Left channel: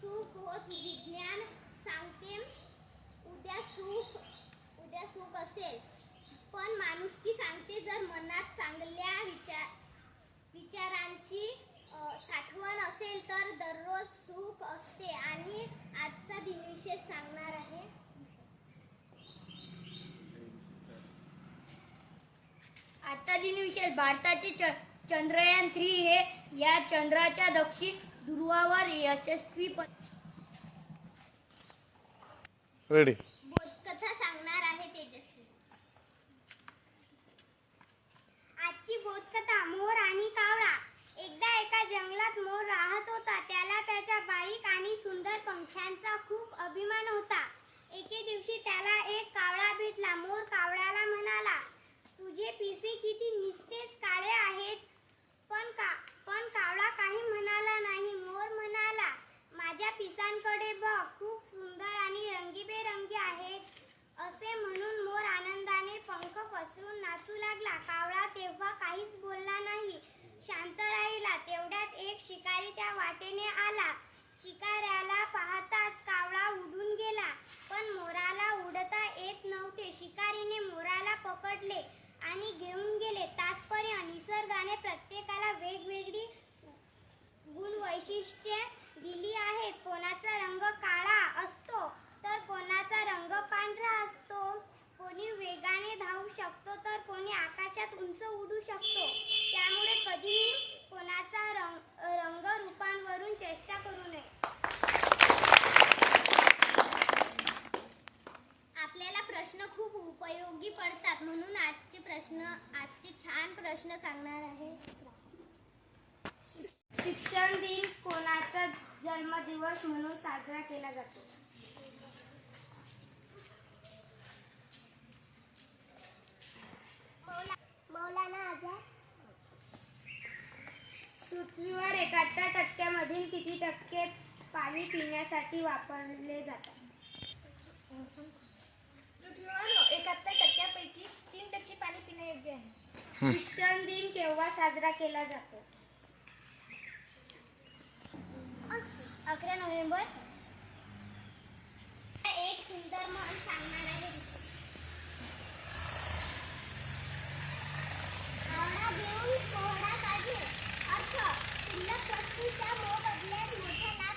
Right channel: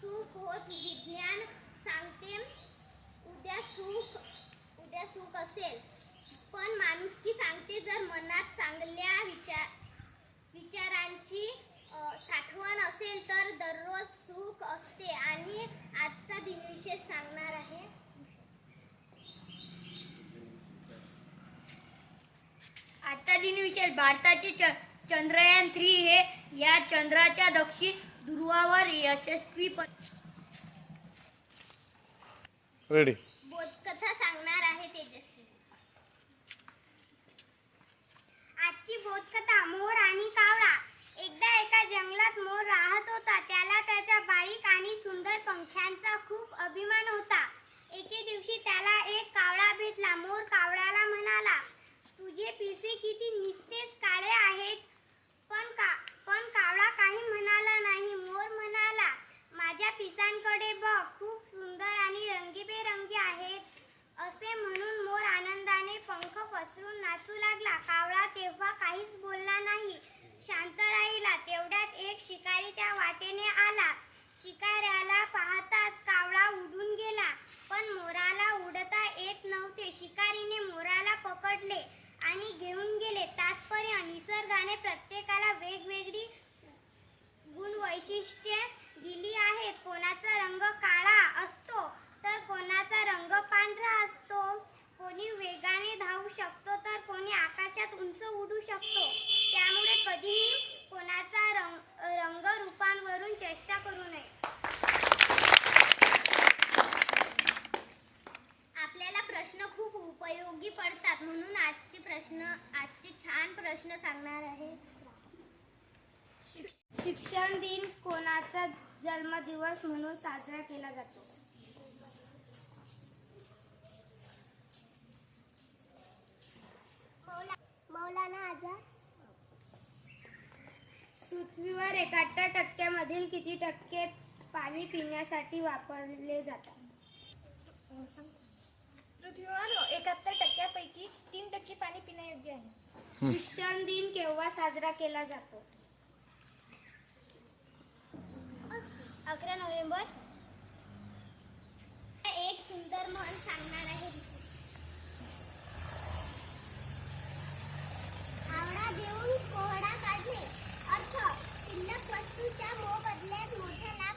सुख होत. विज्ञान सांगते उद्या सुख उद्या सुख असेल. पण माणुसकी सांगते जर मनात चांगल्या विचार विचारांची साठवण असेल तर दररोज सुख असते. आणि आजचा दिनविशेष सांगणार आहे. आजचा दिनविशेष भारताचे च चंद्रयान थ्री हे या चंद्राच्या दक्षिण ध्रुवावर यशस्वीपणे रेडी बोधकथा सांगणार आहे तेजस्वी. आजची बोधकथा मोर आणि कावळा. एकदा एका जंगलात मोर राहत होता. त्याला त्याच्या बारीक आणि सुंदर पंख्यांचा खूप अभिमान होता. एके दिवशी त्याला एक कावळा भेटला. मोर कावळ्याला म्हणाला तुझे पिसे किती निस्तेज काळे आहेत. पण का पण कावळा काही म्हणाला नाही. मोर म्हणाला माझ्या पिसांकडे बघ खूप सुंदर आणि रंगीबेरंगी आहेत. असे म्हणून मोर आनंदाने पंख पसरून नाचू लागला. कावळा तेव्हा काहीच बोलला नाही. शांत राहिला तेवढ्यात एक शिकारी त्या वाटेने आला. शिकाऱ्याला पाहताच कावळा उडून गेला. पण मोराला उडता येत नव्हते. शिकारीने मोराला पकडले. आणि घेऊन गेले. तात्पर्य निसर्गाने प्रत्येकाला वेगवेगळी गुण वैशिष्ट्ये दिली आहेत. कोणाचा रंग काळा असतो तर कोणाचा रंग पांढरा असतो. कोणी वेगाने धावू शकतो तर कोणी आकाशात उंच उडू शकतो. त्यामुळे कधीही कोणाचा रंग रंग रूपांवरून चेष्टा करू नये. प्रश्न खूप उपयोगी पडतात म्हणून आजचे प्रश्न आजचे छान प्रश्न सांगणार आहे. शिक- शिक्षण दिन कोणाचा जन्मदिवस म्हणून साजरा केला जातो? मौलाना आझाद. पृथ्वीवर एकाहत्तर टक्क्यामधील किती टक्के पाणी पिण्यासाठी वापरले जातात? पृथ्वीवर एकाहत्तर टक्क्यापैकी तीन टक्के पाणी पिण्यायोग्य आहे. शिक्षण दिन केव्हा साजरा केला जातो? अकरा नोव्हेंबर. एक सुंदर म्हण सांगणार आहे आवडा देऊन कोहडा काढणे. अर्थ शिल्लक वस्तूच्या मोबदल्यात मोठा लाभ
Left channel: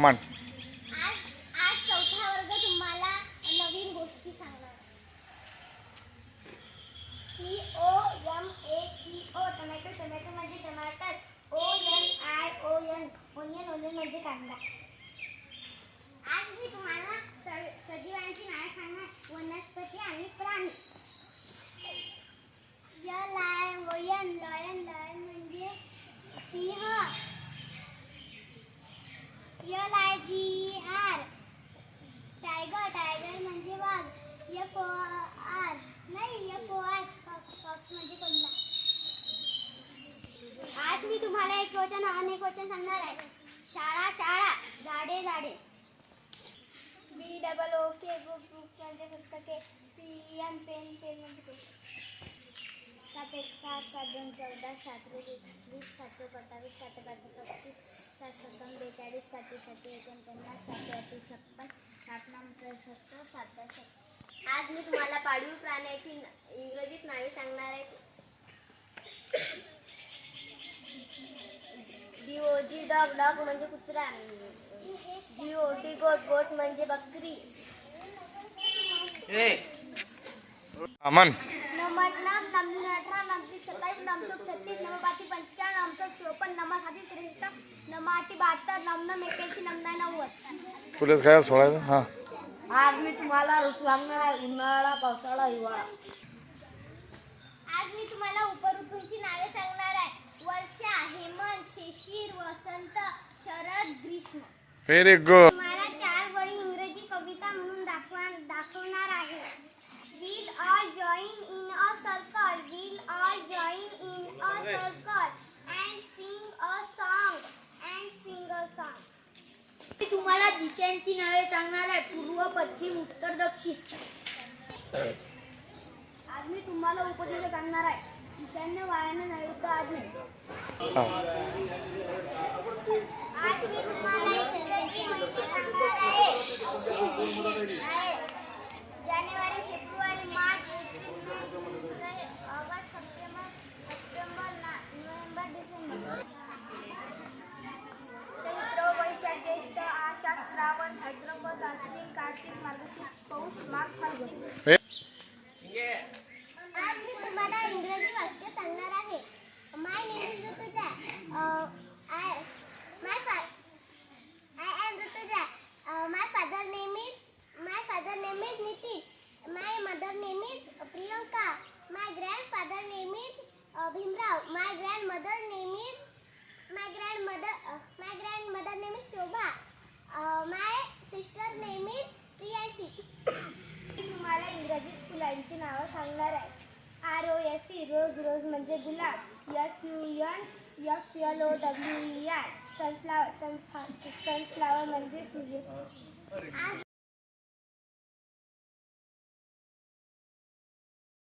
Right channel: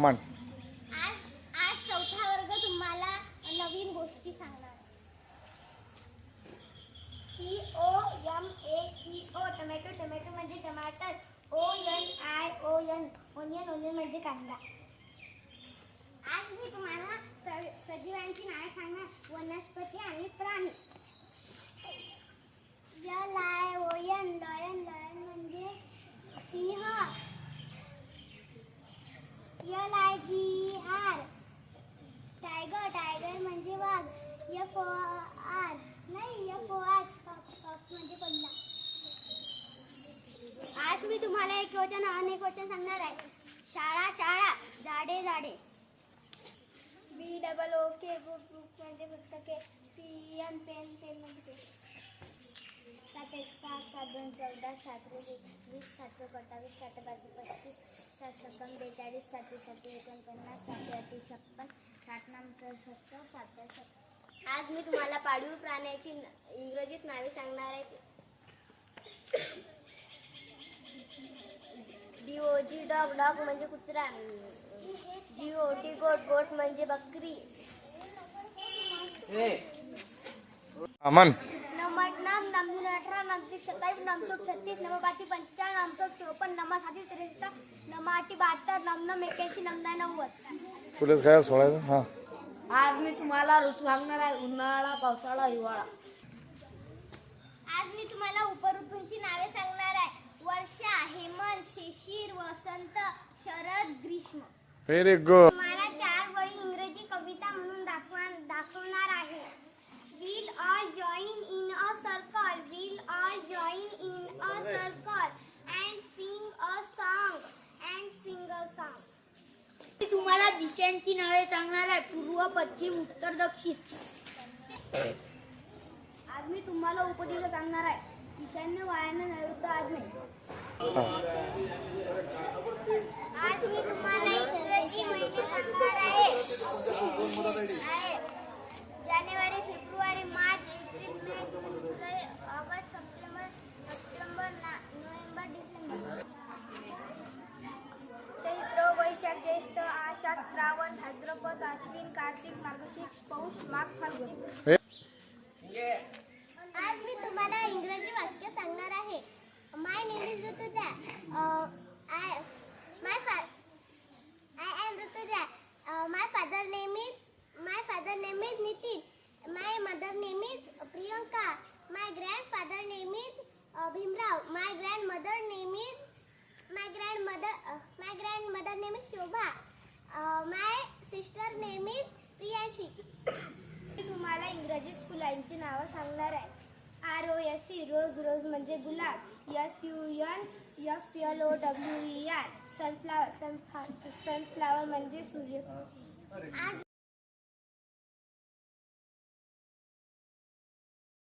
मान. आज चौथा वर्ग तुम्हाला नवीन गोष्टी ओ ए टी ओ ओ आय ओ आज मी तुम्हाला सजीवांची नावे सांगणार. वनस्पती आणि प्राणी. L I G R tiger tiger म्हणजे वाघ. एफ ओ आर नाही F O X fox fox म्हणजे कोणता आज मी तुम्हाला एक वचन अनेक वचन सांगणार आहे. शाळा शाळा. झाडे झाडे. B double O K book book म्हणजे पुस्तके पी एम पेन पेन म्हणजे पेन सात एक सात सात दोन चौदा सात रे वीस सातशे पत्तावीस सातशे पस्तीस सात बेचाळीस सातशे सातशे एकोणपन्नास सातशे अठ्ठी छप्पन सात नऊ त्रेसष्ट सात सत्तर आज मी तुम्हाला पाळीव प्राण्याची इंग्रजीत नावे सांगणार आहे. डी डॉग डॉग म्हणजे कुत्रा. जी गोट गोट म्हणजे बकरी. अमन. नंबर नाम सत्तावीस छत्तीस पंचावन्न चोपन्न त्रेसष्ट बहात्तर नमनम एक्याऐंशी नंबर नव्वद. तुला काय सोडायचं? हां. आज मी तुम्हाला ऋतू सांगणार आहे उन्हाळा पावसाळा हिवाळा. आज मी तुम्हाला उपऋतूंची नावे सांगणार आहे. वर्षा हेमंत शिशिर वसंत शरद ग्रीष्म. व्हेरी गुड तुम्हाला चार वळी इंग्रजी कविता म्हणून दाखवा दाखवणार आहे. All join in a circle will all join in a circle and sing a song and sing a song मी तुम्हाला दिशांची नावे सांगणार आहे पूर्व पश्चिम उत्तर दक्षिण. आज मी तुम्हाला उपदेश सांगणार आहे ईशान्य वायानं नैऋत्य आज मी तुम्हाला इंग्रजी महिने सांगणार आहे आहे. जानेवारी फेब्रुवारी मार्च एप्रिल मे जून जुलै ऑगस्ट सप्टेंबर सप्टेंबर ना- नोव्हेंबर डिसेंबर. चैत्र वैशाख ज्येष्ठ आषाढ श्रावण भाद्रपद अश्विन कार्तिक मार्गशीर्ष पौष माघ फाल्गुन आज मी तुम्हाला इंग्रजी वाक्य सांगणार आहे my name is Rutuja I my I am Rutuja my father name is my father name is Nitin my mother name is Priyanka my grandfather name is grand mother name is my grand mother my grand mother name is Shobha my sister name is Priyanshi मी तुम्हाला इंग्रजीत फुलांची नावं सांगणार आहे. R O S C rose rose म्हणजे गुलाब. S U N F L O W E R sunflower sunflower म्हणजे सूर्य. आज